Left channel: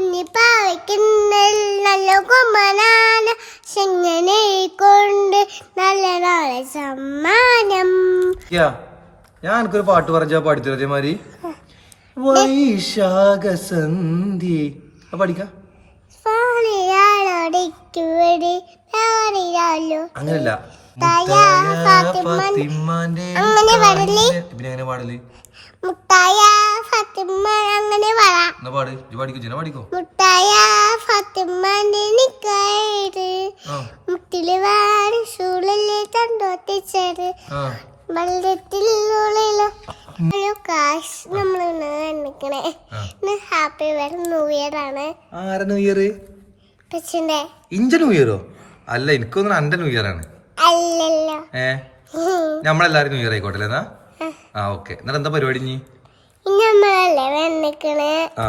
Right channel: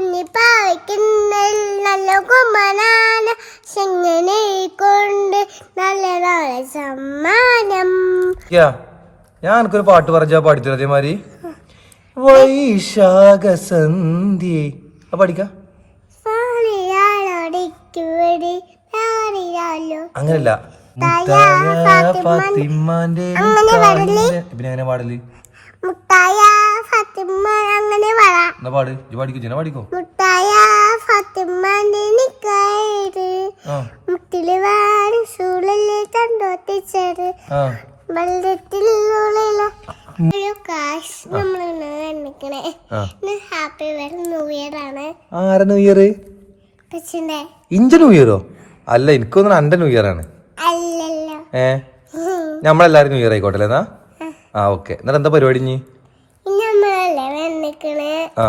കുഞ്ഞിപ്പാവയ്ക്കുന്നൽ നല്ല ചെങ്ങനെ കൊണ്ട് നല്ല നാളെ സമ്മാനം. ഞാൻ എനിക്കൊരു പാട്ട് പറഞ്ഞാ പാടിത്തരാ അതേമാതിരി വൈശാഖ സന്ധ്യേ പഠിക്ക അങ്ങനല്ല. ഫാത്തിമാന്റെ അങ്ങനെ പിന്നെ പാടൽ? മുട്ടായ ഫാത്തിമ അങ്ങനെ പറ എന്നാ പാട് ഇജ്ജ് പാടിക്കോ ജന പാടിക്കോ? മുട്ടായ ഫാത്തിമാന്റെ നിക്കായത് ആ. മുട്ടിൽ വാടി സൂളിൽ തണ്ടോത്തിച്ചത് ആ. വെള്ളത്തിൽ ഹലോ കാശ് നമ്മൾ നിൽക്കണേ ആ. ഇന്ന് ഹാപ്പി ന്യൂ ഇയർ ആണ്. ആരാ ന്യൂ ഇയർ പച്ചിന്റെ ഇഞ്ച ന്യൂ ഇയറോ? അല്ല എനിക്കൊന്നും അന്റെ ന്യൂ ഇയർ ആണ്. അല്ലല്ലോ. ഏ. നമ്മളെല്ലാരും ന്യൂ ഇയർ ആയിക്കോട്ടെ എന്നാ? ആ. ഓക്കെ. എന്നിട്ട് എന്താ പരിപാടി നീ ഇനി നമ്മളല്ലേ വന്നിക്കണേ? ആ.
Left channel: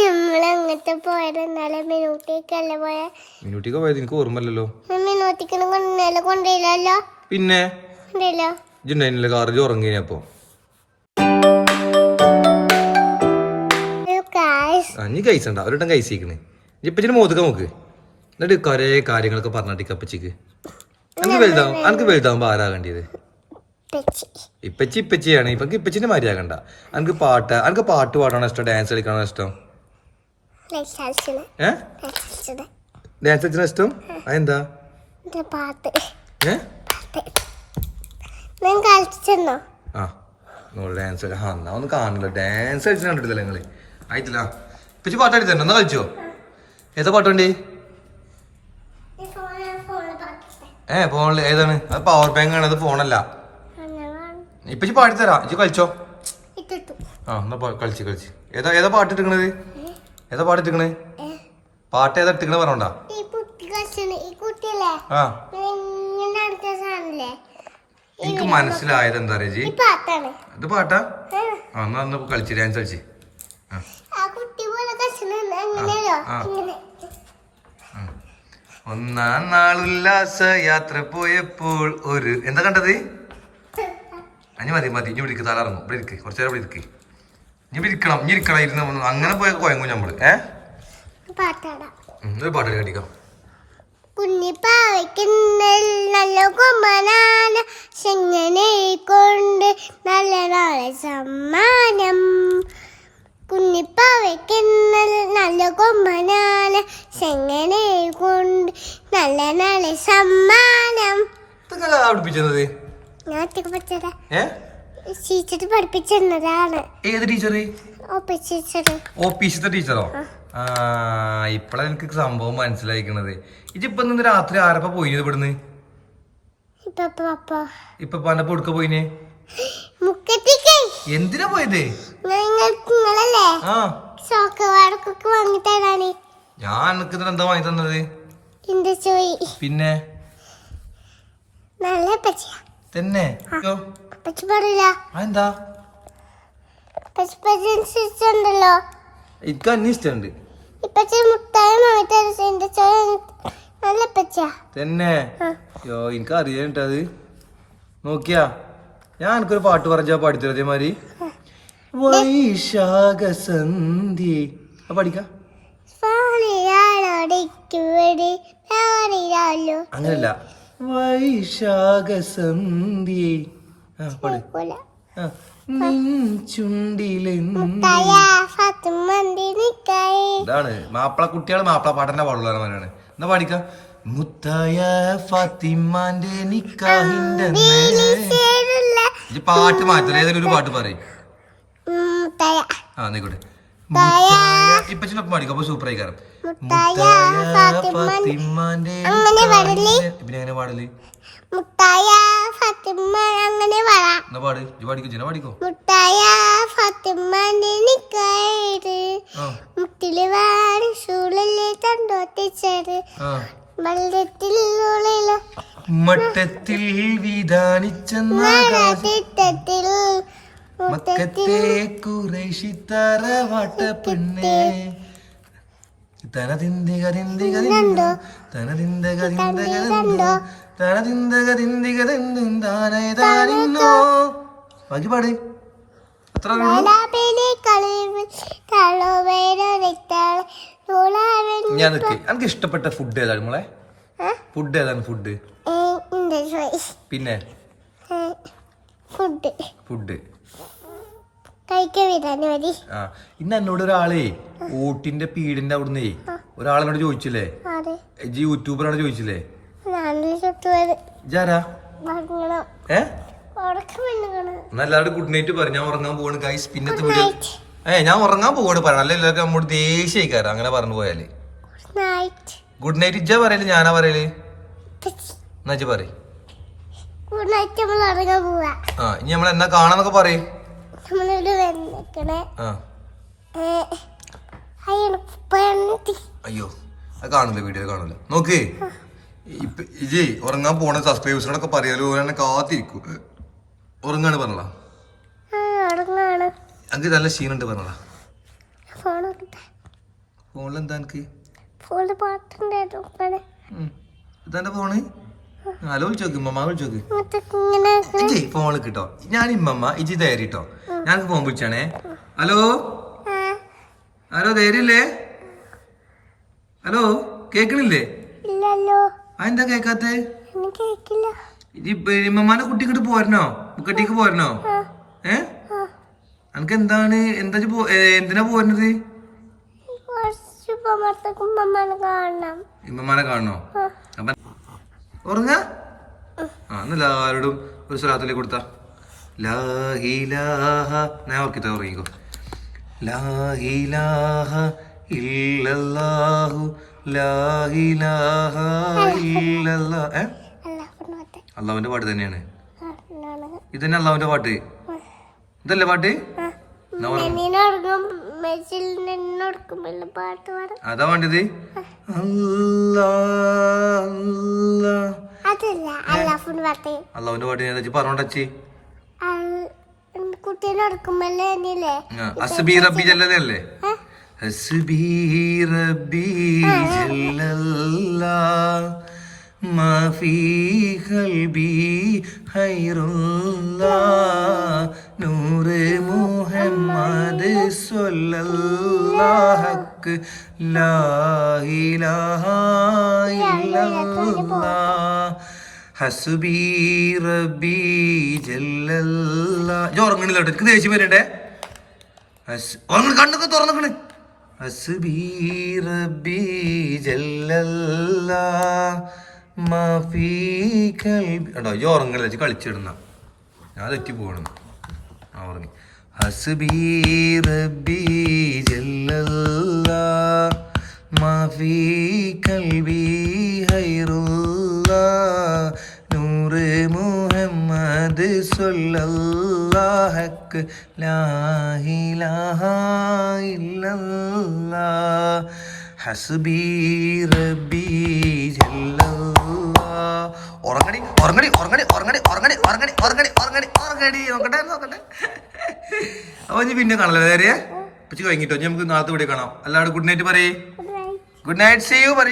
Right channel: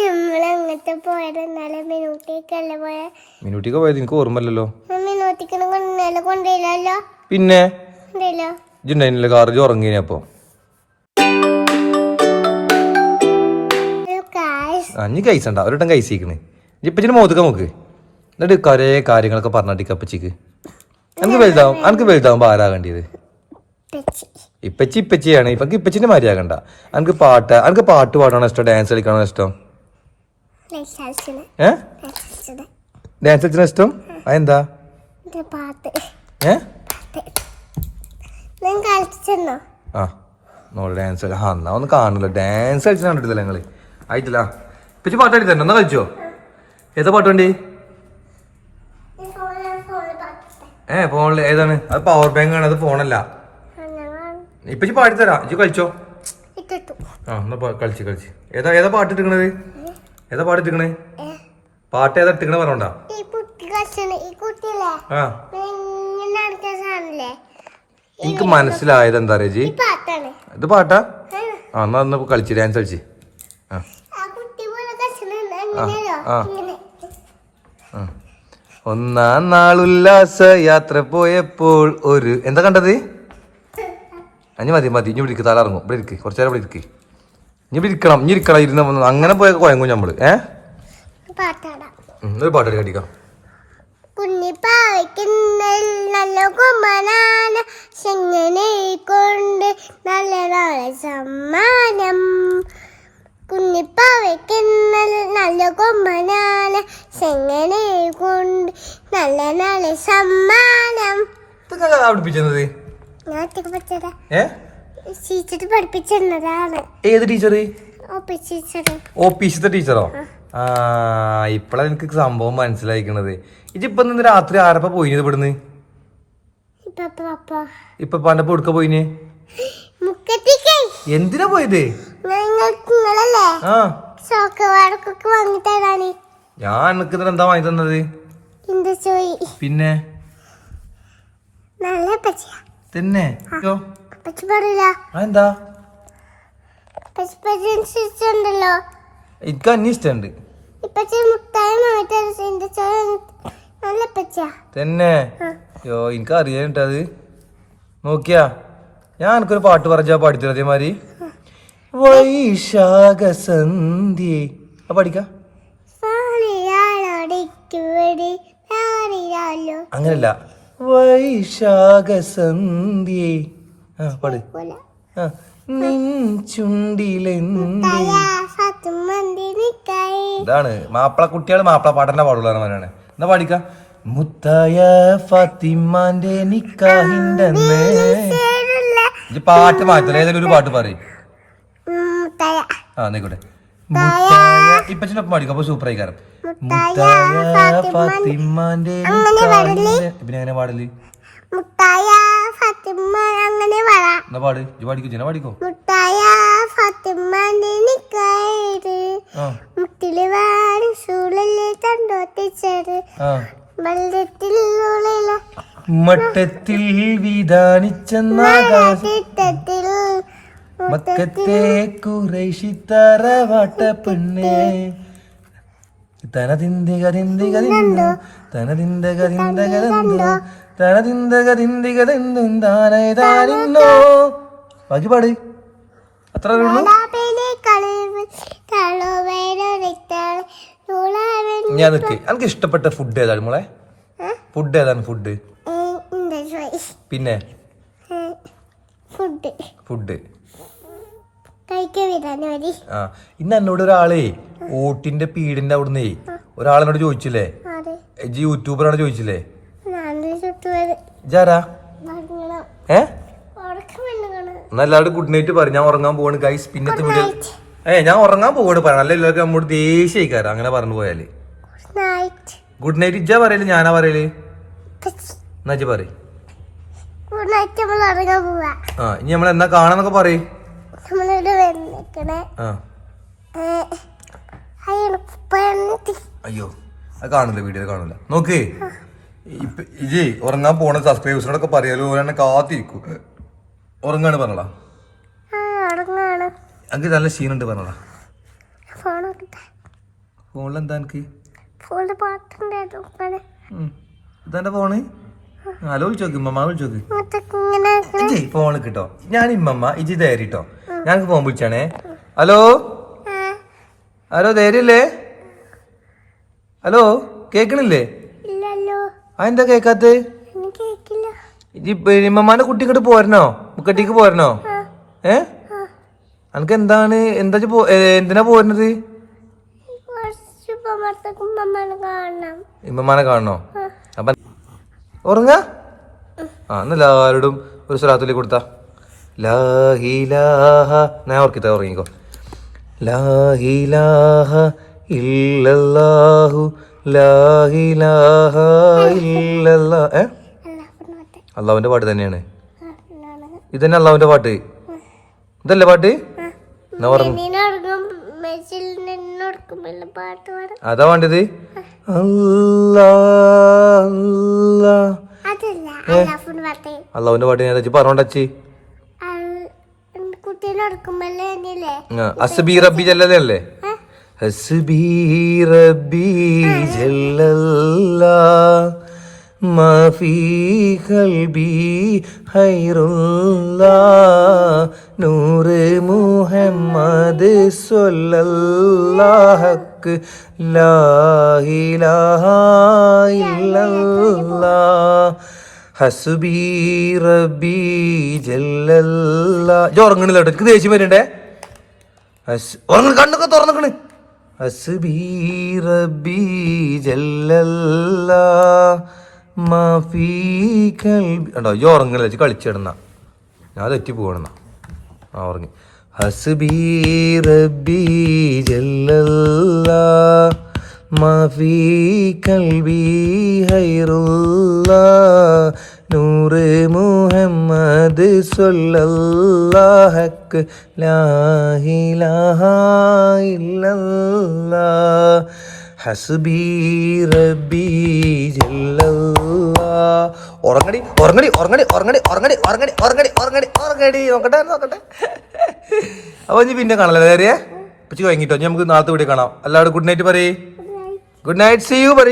നമ്മളങ്ങോട്ട് പോയത് ഇന്നലെ മിനൂട്ടിക്കല്ലേ പോയ? മിനൂട്ടിക്ക് പോയത് എനിക്ക് ഓർമ്മയില്ലല്ലോ. മിനൂട്ടിക്കണ ഇന്നലെ കൊണ്ടില്ലല്ലോ പിന്നെ? കൊണ്ടില്ലോ കാറിൽ ഒരിട്ടം ഇപ്പച്ചിന് മോതുക്ക നോക്ക്. എന്നിട്ട് കുറേ കാര്യങ്ങളൊക്കെ പറഞ്ഞിട്ട് അപ്പച്ചിക്ക്. നമുക്ക് വലുതാവും എനിക്ക് വലുതാവുമ്പോ ആരാകേണ്ടത് ഇപ്പച്ചി. ഇപ്പച്ചിയാണ്. ഇപ്പൊ ഇപ്പച്ചിന്റെ മാരിയാകണ്ട അനക്ക് പാട്ട് അനക്ക് പാട്ട് പാടാണോ ഇഷ്ടം? ഡാൻസ് കളിക്കാനോ ഇഷ്ടം? ഏ? ഡാൻസ് കളിച്ചാൽ ഇഷ്ടം? അതെന്താ? ഏ? ആ. നോട് ഡാൻസ് ആ എന്നാ ഒന്ന് കാണുമല്ലോ ഡാൻസ് കളിച്ചാൽ കണ്ടിട്ടില്ല ഞങ്ങൾ? ആയിട്ടില്ല. ഇപ്പച്ചി പാട്ട് എന്നാ കളിച്ചോ? ഏതാ പാട്ട് വേണ്ടി? ഏ ഫോണിൽ ഏതാണ്? അത് പവർ ബാങ്ക് ആണ്. അത് ഫോണല്ല ഇപ്പച്ചി പാടിത്തരാ. ഇജ്ജ് കളിച്ചോ? ആ എന്നാ കളിച്ച് കളിച്ച്. ഏതാ ഏതാ പാട്ട് ഇട്ടിക്കണത് ഏതാ പാട്ട് ഇട്ടിക്കണേ ഏ, പാട്ട് ഏതാ ഇട്ടിക്കണേ പറഞ്ഞോണ്ടാ? ആ. എനിക്ക് മനസ്സിലായത് എന്താ അറിയാ ജി ഇത് പാട്ടാ? ആ, എന്നാ ഒന്ന് കളിച്ച് ഡാൻസ് കളിച്ച്. ഒന്നാം നാളുല്ലാസ യാത്ര പോയപ്പോൾ ഒരു എന്താ കണ്ടത്? അഞ്ഞ് മതി മതി. ഇനി ഇരിക്ക് തല ഇറങ്ങും. ഇവിടെ ഇരിക്ക് കുറച്ചു നേരം ഇവിടെ ഇരിക്ക്. ഇനി ഇരിക്കണം ഇനി ഇരിക്കണം ഇരുന്ന് വന്ന് അങ്ങനെ പോയ കുഴങ്ങും നമ്മൾ ഏ? ഒരു പാട്ട് കടിക്കാം നല്ല ചെങ്ങനെ കൊണ്ട് നല്ല നാളെ സമ്മാനം. കുഞ്ഞിപ്പാവയ്ക്കുന്നൽ നല്ല കൊമ്പനാന ചെങ്ങനെ കൊണ്ട് നല്ല നാളെ സമ്മാനം. ഏത് ടീച്ചർ ഒപ്പിച്ചത് ഓഫീസിലത്തെ ടീച്ചറോ ആ. ഇപ്പഴാ എനിക്ക് സംഭവം മനസ്സിലായിക്കണത്. ഇജിപ്പൊ ഇന്ന് രാത്രി ആരപ്പ പോയിന് ഇവിടുന്ന്? ഇപ്പൊ പപ്പ. എടുക്ക പോയിന്? എന്തിനാ പോയത്? ഞാൻ എനിക്ക് എന്താ വാങ്ങി തന്നത്? പിന്നെ? നല്ല പച്ചയാ. തന്നെ. എന്താ പച്ചുണ്ടല്ലോ എനിക്ക് അന്നെ ഇഷ്ടമുണ്ട്. തന്നെ. ആ. യോ എനിക്ക് അറിയാനിട്ട് അത്. നോക്കിയാ. ഞാൻ എനിക്കൊരു പാട്ട് പറഞ്ഞാ പാടിത്തരാ അതേമാതിരി വൈശാഖ സന്ധ്യേ പഠിക്ക. അങ്ങനല്ല. ഇതാണ്. മാപ്പിള കുട്ടികൾ മാപ്പിള പാടന്നെ പാടുള്ളവരാണ് എന്നാ പാടിക്ക? മുത്തായ ഫാത്തിമാന്റെ നിക്കാഹിന്റെ പാട്ട് മാറ്റല ഏതെങ്കിലും ഒരു പാട്ട് പറയും. ആ നിക്കോട്ടെ. ഇപ്പച്ചിനൊപ്പം പാടിക്കും? അപ്പൊ സൂപ്പർ ഫാത്തിമാന്റെ? നിക്കാഹിന്റെ- പിന്നെ എങ്ങനെ പാടൽ? മുട്ടായ ഫാത്തിമ അങ്ങനെ പറ എന്നാ പാട്. ഇജ്ജ് പാടിക്കോ ജന പാടിക്കോ? മുട്ടായ ഫാത്തിമന്റെ നിക്കായത് ആ. മുട്ടിൽ വാടി സൂളിൽ തണ്ടോത്തിച്ചത് ആ. ഉള്ളില മട്ടത്തിൽ വിധാനിച്ചെന്നാകാശ. തിട്ടത്തിൽ മക്കത്തെ കുറേശി തറവാട്ട പെണ്ണേ. തനതിന്തിക തിന്തിക തിന്തോ തനതിന്തക തിന്തക തിന്തോ തനതിന്തക തിന്തിക തിന്തും താനേതാനിന്നോ ബാക്കി പാട്. അത്ര ഞാൻ എനിക്ക് ഇഷ്ടപ്പെട്ട ഫുഡ് ഏതാണ് മോളെ? ഫുഡ് ഏതാണ് ഫുഡ് പിന്നെ? ഫുഡ് ഫുഡ് ആ ഇന്ന് എന്നോട് ഒരാളേ ഊട്ടിന്റെ പീടിന്റെ അവിടുന്ന് ഒരാളെന്നോട് ചോദിച്ചില്ലേ? ഇജ്ജ് യൂട്യൂബറാണ് ചോദിച്ചില്ലേ? ഏ? എല്ലാവരും ഗുഡ് നൈറ്റ് പറഞ്ഞു ഞാൻ ഉറങ്ങാൻ പോവാണ് ഗൈസ് പിന്നത്തെ വീഡിയോ ഏ ഞാൻ ഉറങ്ങാൻ പോവാണ് പറയാം നല്ല എല്ലാവർക്കും നമ്മോട് ദേഷ്യക്കാരം അങ്ങനെ പറഞ്ഞു പോയാൽ. ഗുഡ് നൈറ്റ് ഇജ്ജാ പറയൽ? ഞാനാ പറയൽ? എന്നാ പോവാ. ആ ഇനി നമ്മൾ എന്നാ കാണാന്നൊക്കെ പറയും. അയ്യോ അത് കാണില്ല വീഡിയോ കാണില്ല നോക്കേ. ഇജി ഉറങ്ങാൻ പോണ സബ്സ്ക്രൈബേഴ്സിനോടൊക്കെ പറയാലോ ഒരെണ്ണ കാത്തിരിക്കും. ഉറങ്ങാണ് പറഞ്ഞടാ അങ്ങ് നല്ല ക്ഷീണുണ്ട് പറഞ്ഞാ ഫോണിലെന്താ എനിക്ക് ഫോണിൽ പാട്ടുണ്ട് ഇതാ ഫോണ്? ഹലോ വിളിച്ചോക്ക് ഇമ്മമ്മ വിളിച്ചോക്ക് ഇജി ഫോണിൽ കിട്ടോ? ഞാൻ ഇമ്മമ്മ ഇജി ധൈര്യട്ടോ ഞാൻ ഫോൺ വിളിച്ചാണേ. ഹലോ? ഹലോ ധൈര്യല്ലേ ഹലോ കേക്കണില്ലേ? അതെന്താ കേക്കാത്ത? ഇമ്മമ്മാന്റെ കുട്ടി ഇങ്ങോട്ട് പോരണോ? ബുക്കട്ടിക്ക് പോരണോ? ഏ? അനക്ക് എന്താണ്? എന്താ എന്തിനാ പോരണത് ഇമ്മമാനെ കാണണോ. അപ്പൊ ഉറങ്ങ? ആ എന്നാ എല്ലാവരോടും ഒരു സ്വലാത്തുലി കൊടുത്ത. ലാഹിലാഹ ഞാൻ ഓർക്കിത്ത ഉറങ്ങിക്കോ. ലാഹിലാഹ ഇല്ലല്ലാഹു. ലാഹിലാഹ ഇല്ലല്ലാ. ഏ? അള്ളാവിന്റെ പാട്ട് തന്നെയാണ്. ഇതന്നെ അള്ളാവിന്റെ പാട്ട്. ഇതല്ലേ പാട്ട്? എന്നാ അതാ വേണ്ടത് അല്ലാ പാട്ട് അള്ളാവിന്റെ പാട്ട് ഞാൻ പറഞ്ഞോണ്ടച്ചി കുട്ടീനോടക്കുമ്പോഴേ എന്നില്ലേ അസ്ബി റബ്ബി ജല്ലതല്ലേ ഏ? ഹസ്ബി റബ്ബി ജല്ലല്ലാ ما في قلبي خير الله نور محمد صلى الله لا إله إلا الله ഹസ്ബി റബി ജല്ലല്ല. എനിക്ക് ദേഷ്യം വരണ്ടേ? കണ്ണൊക്കെ ഹസുബി റബി ഇജ്ജ് കളിച്ചിടുന്ന. ഞാൻ തെറ്റി പോകണം ആ ഉറങ്ങി. ഹസ്ബി റബി ജല്ലല്ല. കൽബി ഹൈറുല്ലാ നൂറ് മുഹമ്മദ് സല്ലല്ലാഹക്ക് ലാ ഇലാഹ ഇല്ലല്ലാ ഹസ്ബി റബി ഉറങ്ങടി ഉറങ്ങടി ഉറങ്ങടി ഉറങ്ങടി ഉറങ്ങടി ഉറങ്ങടി ഉറങ്ങടി ഉറങ്ങടി ഉറങ്ങടി. നോക്കട്ടെ നോക്കട്ടെ. ഇനി പിന്നെ കാണാം നേരെ ഉച്ച കഴിഞ്ഞിട്ടോ ഇനി നമുക്ക് നാളത്തെ കൂടി കാണാം. എല്ലാവരും ഗുഡ് നൈറ്റ് പറയേ. ഗുഡ് നൈറ്റ് സി യു പറ